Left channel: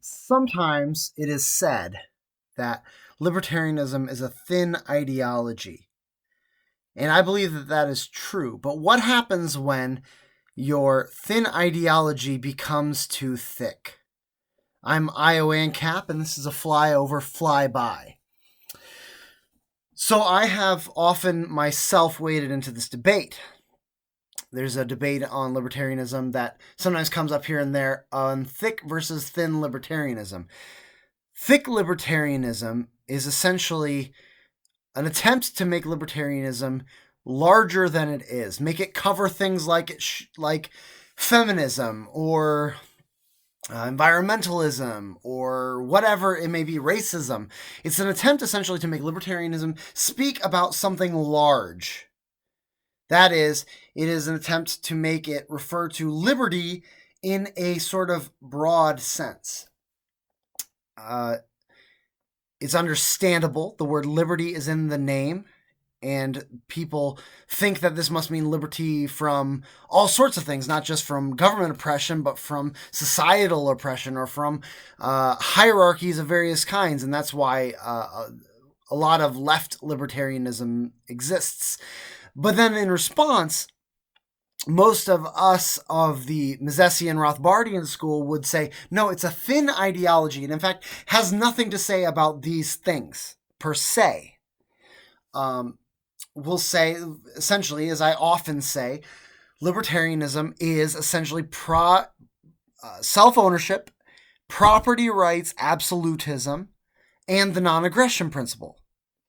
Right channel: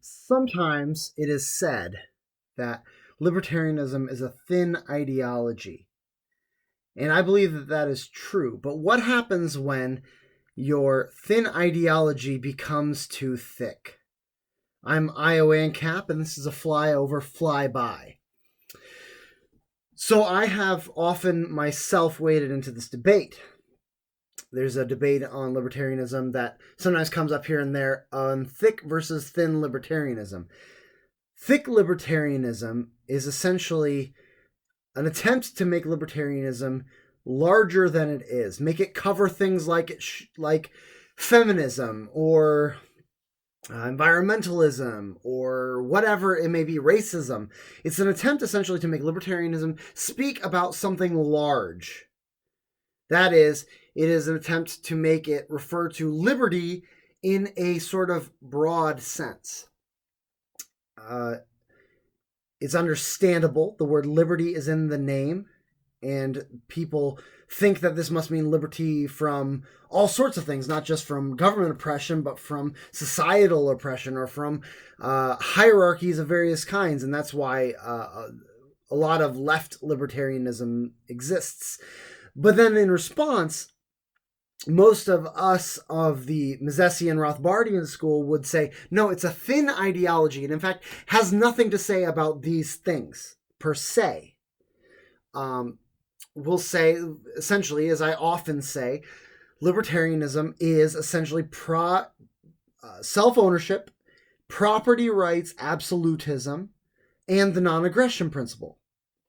Sometimes it is said that libertarianism is a thin ideology. And I believe that that is true. But what happens when your thin ideology becomes too thick? I'm IOAN Cap, and this is a Flyover Fly-by. So I have often myself waded into this debate. There's a debate on libertarianism that sometimes comes up here and there on thick versus thin libertarianism. Thick libertarianism is essentially an attempt to make libertarianism larger than it is, make it cover things like feminism or environmentalism or whatever it may be, racism. It's an attempt essentially to make libertarianism speak about something large. That is, it is an attempt to make it refer to liberty in a sort of broad sense. It's understandable. The word liberty is in the name, and people think that this must mean liberty from all sorts of things, not just from government oppression, but from societal oppression or from hierarchies of various kinds. And that's why a lot of left libertarianism exists. But then in response, most of us of the Misesian Rothbardian school would say, no, it's a thin ideology, and in fact has nothing to say about these things per se. We'll say, essentially, as I often say, libertarianism is essentially self-ownership, property rights, absolutism, and the non-aggression principle.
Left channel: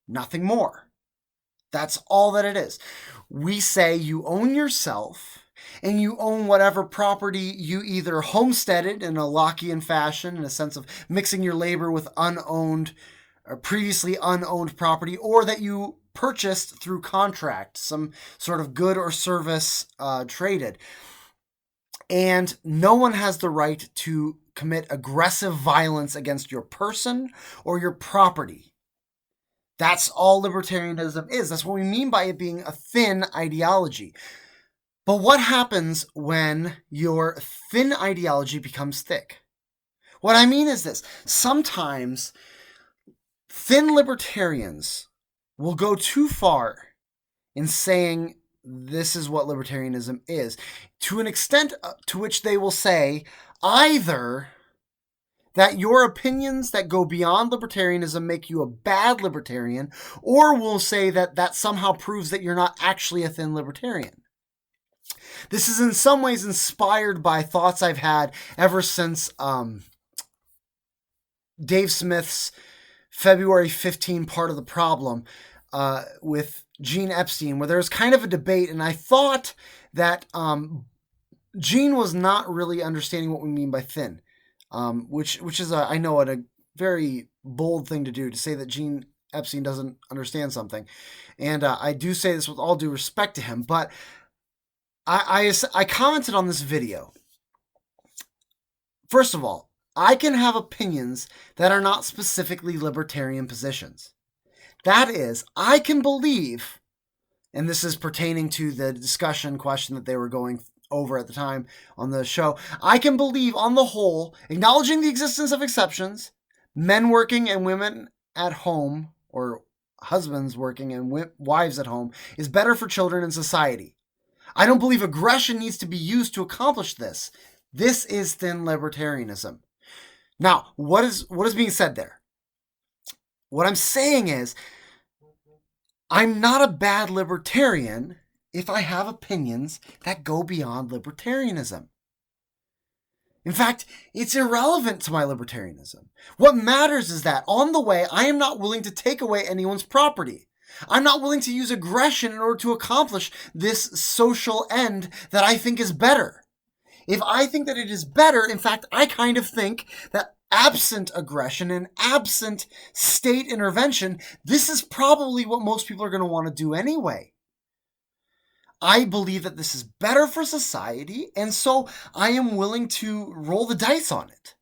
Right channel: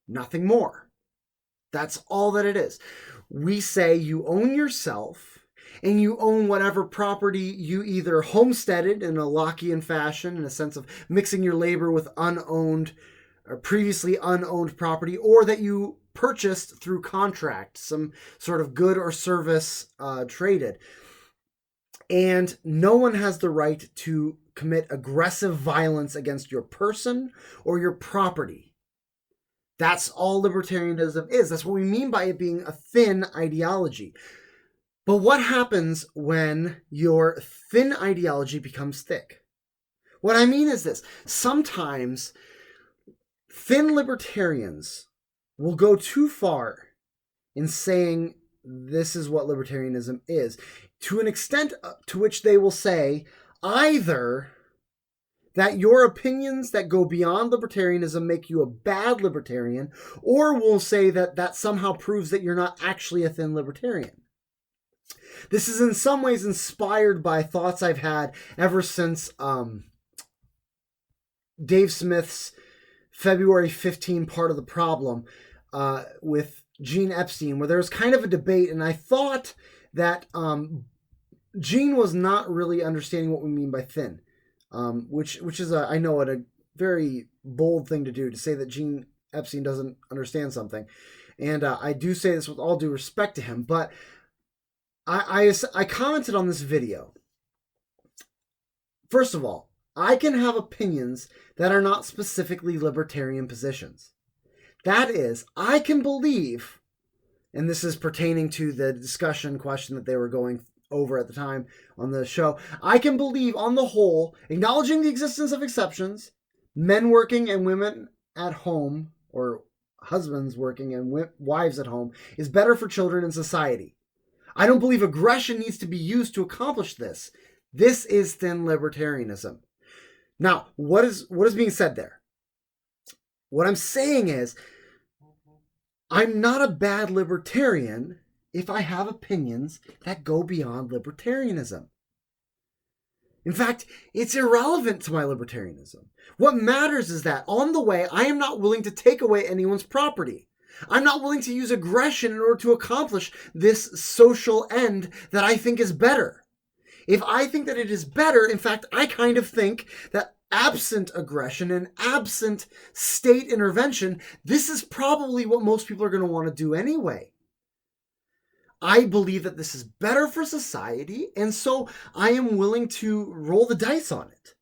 Nothing more. That's all that it is. We say you own yourself and you own whatever property you either homesteaded in a Lockean fashion, in a sense of mixing your labor with unowned or previously unowned property, or that you purchased through contract, some sort of good or service traded. And no one has the right to commit aggressive violence against your person or your property. That's all libertarianism is. That's what we mean by it being a thin ideology. But what happens when your thin ideology becomes thick? What I mean is this. Sometimes thin libertarians will go too far in saying this is what libertarianism is, to an extent to which they will say either that your opinions that go beyond libertarianism make you a bad libertarian, or will say that that somehow proves that you're not actually a thin libertarian. This is in some ways inspired by thoughts I've had ever since Dave Smith's February 15 Part of the Problem with Gene Epstein, where there was kind of a debate, and I thought that Gene was not really understanding what we mean by thin. Which is, I know, a very bold thing to do, to say that Gene Epstein doesn't understand something. And I do say this with all due respect to him, but I commented on this video. First of all, I can have opinions that are not specifically libertarian positions. That is, I can believe, and this is pertaining to the discussion question that they were going over at the time on the show, I can believe on the whole, acknowledging the existence of exceptions, men working and women at home, or husbands working and wives at home, is better for children and society. I don't believe aggression needs to be used to accomplish this. This is thin libertarianism. Now, what is being said there? What I'm saying is, I'm not a bad libertarian if I have opinions that go beyond libertarianism. In fact, it's irrelevant to my libertarianism. What matters is that on the way, I am not willing to take away anyone's property. I'm not willing to use aggression in order to accomplish this social end that I think is better. If I think that it is better, in fact, I kind of think that absent aggression and absent state intervention, this is probably what most people are going to want to do anyway. I believe that this is better for society, and so I am willing to roll the dice on it.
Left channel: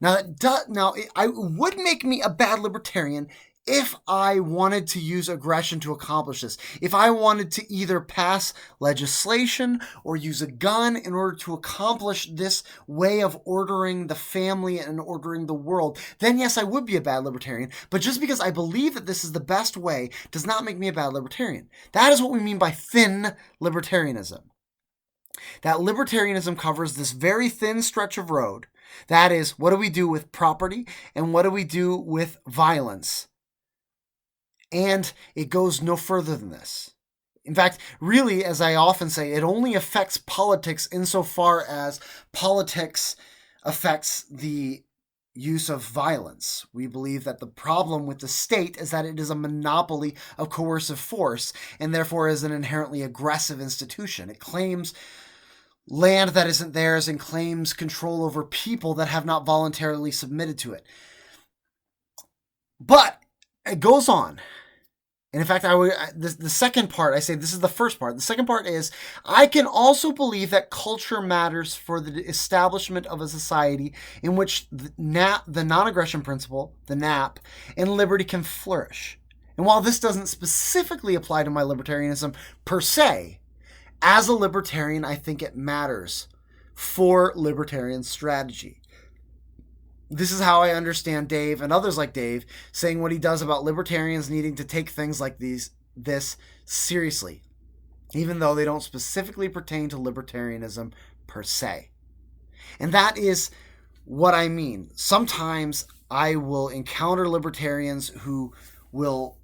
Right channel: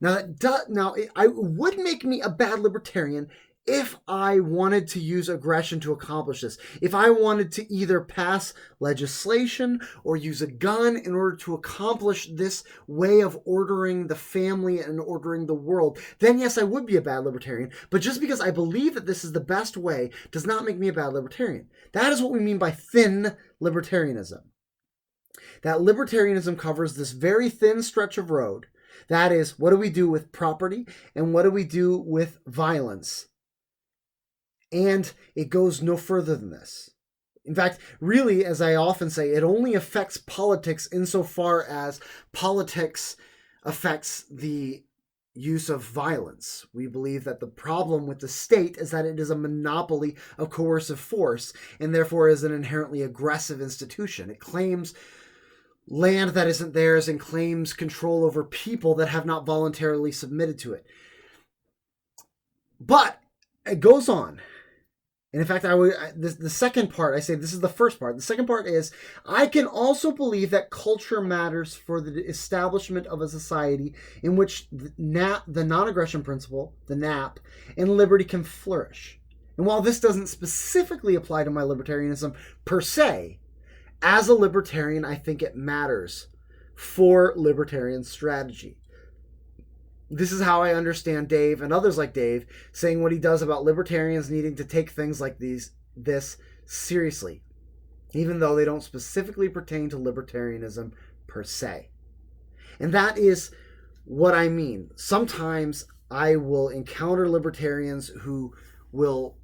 Now, it would make me a bad libertarian if I wanted to use aggression to accomplish this, if I wanted to either pass legislation or use a gun in order to accomplish this way of ordering the family and ordering the world, then yes, I would be a bad libertarian. But just because I believe that this is the best way does not make me a bad libertarian. That is what we mean by thin libertarianism. That libertarianism covers this very thin stretch of road. That is, what do we do with property and what do we do with violence? And it goes no further than this. In fact, really, as I often say, it only affects politics insofar as politics affects the use of violence. We believe that the problem with the state is that it is a monopoly of coercive force and therefore is an inherently aggressive institution. It claims land that isn't theirs and claims control over people that have not voluntarily submitted to it. But it goes on. And in fact, the second part, I say this is the first part. The second part is, I can also believe that culture matters for the establishment of a society in which the non-aggression principle, the NAP, and liberty can flourish. And while this doesn't specifically apply to my libertarianism per se, as a libertarian, I think it matters for libertarian strategy. This is how I understand Dave and others like Dave saying what he does about libertarians needing to take things like this seriously, even though they don't specifically pertain to libertarianism per se. And that is what I mean. Sometimes I will encounter libertarians who will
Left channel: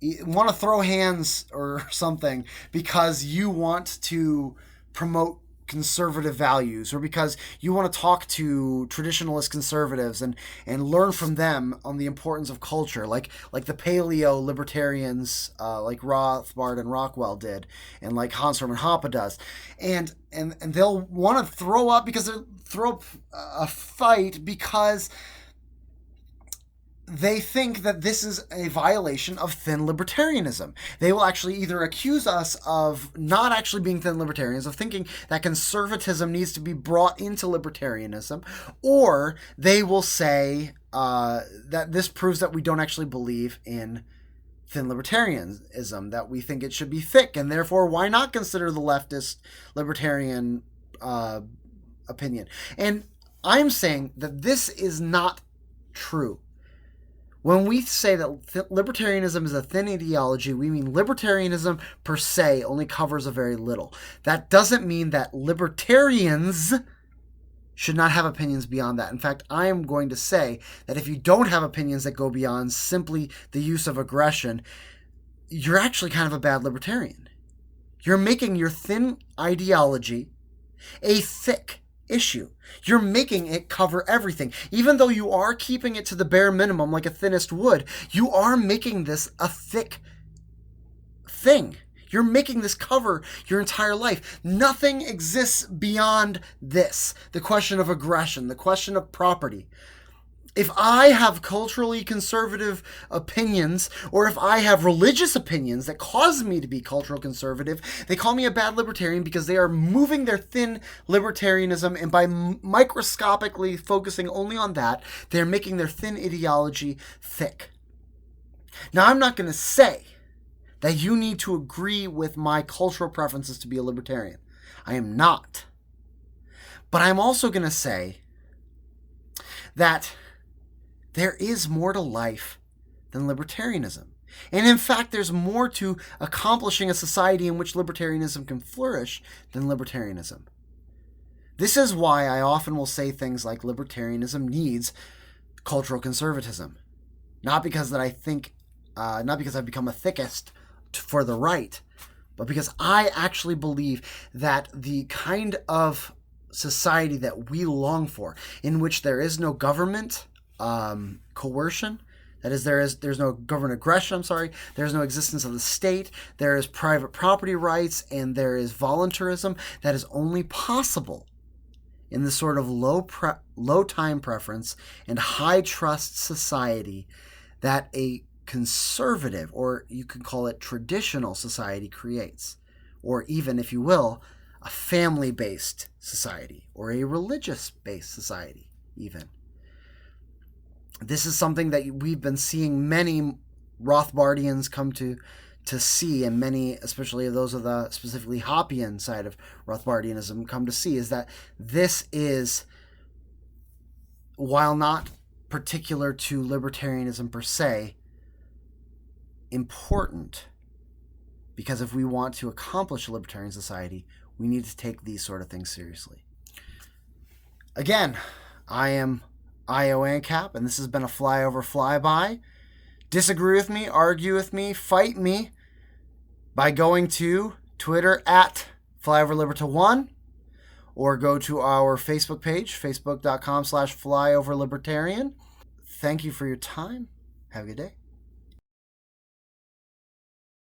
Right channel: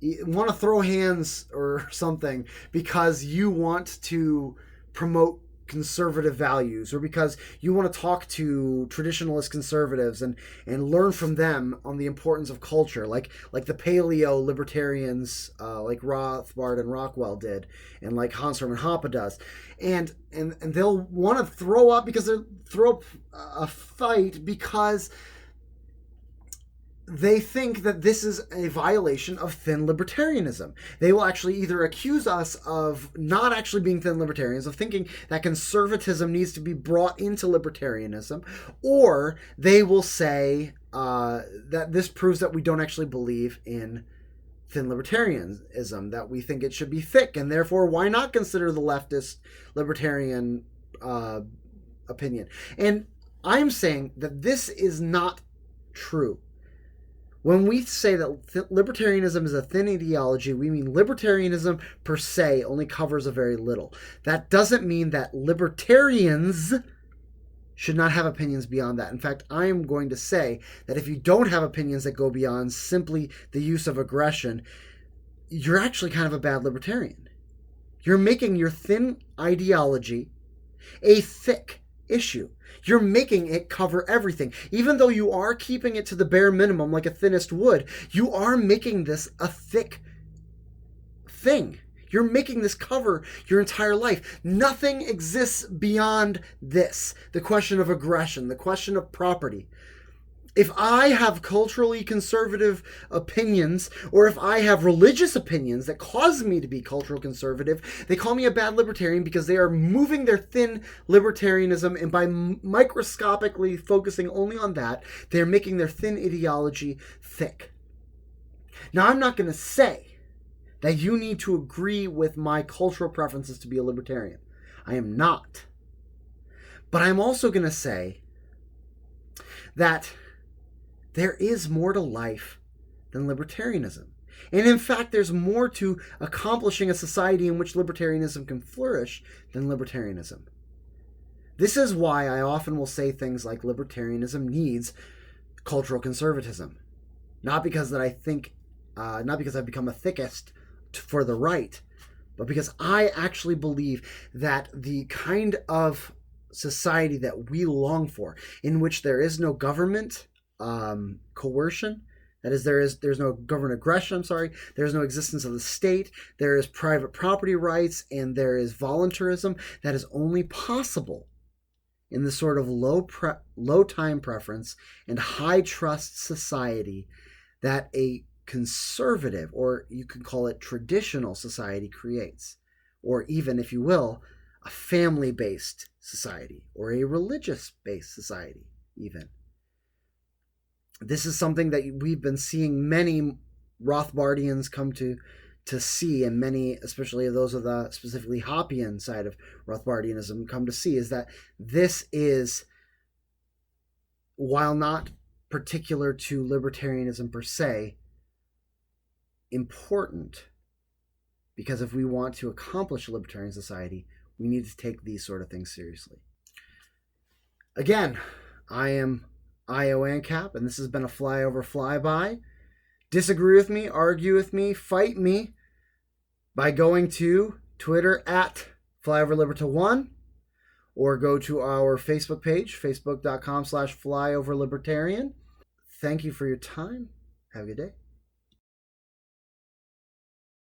want to throw hands or something because you want to promote conservative values or because you want to talk to traditionalist conservatives and learn from them on the importance of culture, like the paleo libertarians like Rothbard and Rockwell did, and like Hans Hermann Hoppe does, and they'll want to throw up a fight because they think that this is a violation of thin libertarianism. They will actually either accuse us of not actually being thin libertarians, of thinking that conservatism needs to be brought into libertarianism, or they will say that this proves that we don't actually believe in thin libertarianism, that we think it should be thick, and therefore why not consider the leftist libertarian opinion? And I'm saying that this is not true. When we say that libertarianism is a thin ideology, we mean libertarianism per se only covers a very little. That doesn't mean that libertarians should not have opinions beyond that. In fact, I am going to say that if you don't have opinions that go beyond simply the use of aggression, you're actually kind of a bad libertarian. You're making your thin ideology a thick issue. You're making it cover everything. Even though you are keeping it to the bare minimum like a thinnest wood, you are making this a thick thing. You're making this cover your entire life. Nothing exists beyond this. The question of aggression, the question of property. If I have culturally conservative opinions, or if I have religious opinions that cause me to be cultural conservative, they call me a bad libertarian because they are moving their thin libertarianism, and by microscopically focusing only on that, they're making their thin ideology thick. Now, I'm not going to say that you need to agree with my cultural preferences to be a libertarian. I am not. But I'm also going to say that there is more to life than libertarianism. And in fact, there's more to accomplishing a society in which libertarianism can flourish than libertarianism. This is why I often will say things like libertarianism needs cultural conservatism. Not because I've become a thickest for the right, but because I actually believe that the kind of society that we long for, in which there is no government coercion, that is, there's no government aggression, there's no existence of the state, there is private property rights, and there is voluntarism, that is only possible in the sort of low time preference and high trust society that a conservative, or you could call it traditional society, creates. Or even, if you will, a family-based society, or a religious-based society, even. This is something that we've been seeing many Rothbardians come to see, and many, especially those of the specifically Hoppian side of Rothbardianism, come to see, is that this is, while not particular to libertarianism per se, important, because if we want to accomplish a libertarian society, we need to take these sort of things seriously. Again, I am IO ANCAP, and this has been a Flyover Fly-by. Disagree with me, argue with me, fight me by going to Twitter at FlyoverLiberta1, or go to our Facebook page, facebook.com/FlyoverLibertarian. Thank you for your time. Have a good day.